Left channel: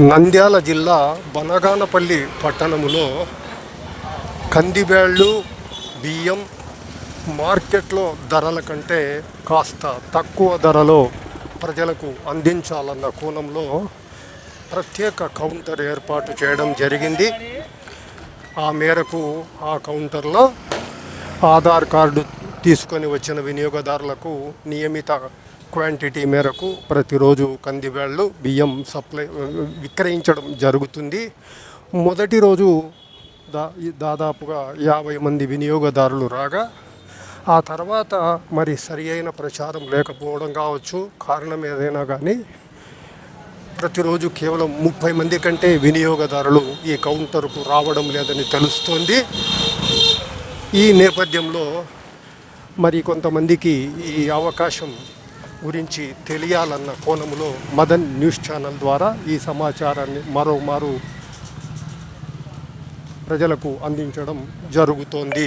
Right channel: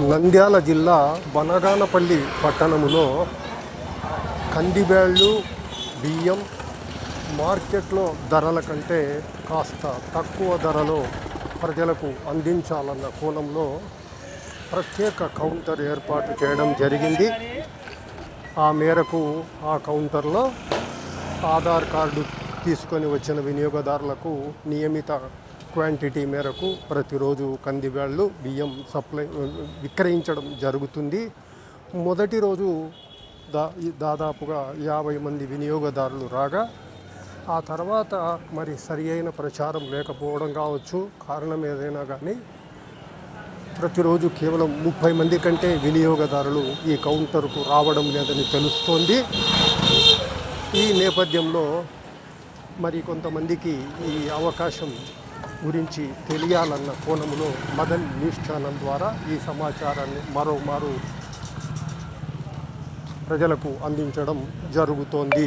నంద్యాల జిల్లా బనగానపల్లి పట్టణములో కందిబేళ్ళు బియ్యం మార్కెట్లో ధరల కంటే కాస్త తక్కువ ధరలో ప్రజలకు అందించాలన్న కోణంలో ప్రత్యేక కౌంటర్ ఏర్పాటు చేయడం జరిగింది. ఆ మేరకు ఆ కౌంటర్లో ఆధార్ కార్డు తీసుకొని వచ్చిన వినియోగదారులకు నియమిత క్వాంటిటీ మేరకు ప్రతిరోజు కందివేళ్ళు బియ్యం సప్లై విక్రయించడం జరుగుతుంది. మొదటి రోజు దా దాదాపుగా యాభై మంది వినియోగదారులు రాగా ఆ తర్వాత మరి సరి అయిన ప్రచారం లేకపోవడం కావచ్చు. కారణం ఏదైనా కానీ ప్రతిరోజు కేవలం ముప్పై మంది కంటే వినియోగదారులు ఈ కౌంటర్కు రావడం లేదని తెలుస్తోంది. ఈ నేపథ్యంలో మరి కొంతమందికి ఈ అవకాశం గురించి తెలియాలన్న కోణంలో మదన్ న్యూస్ ఛానల్ ద్వారా ఈ సమాచారాన్ని మరోమారు ప్రజలకు అందించడం జరుగుతోంది.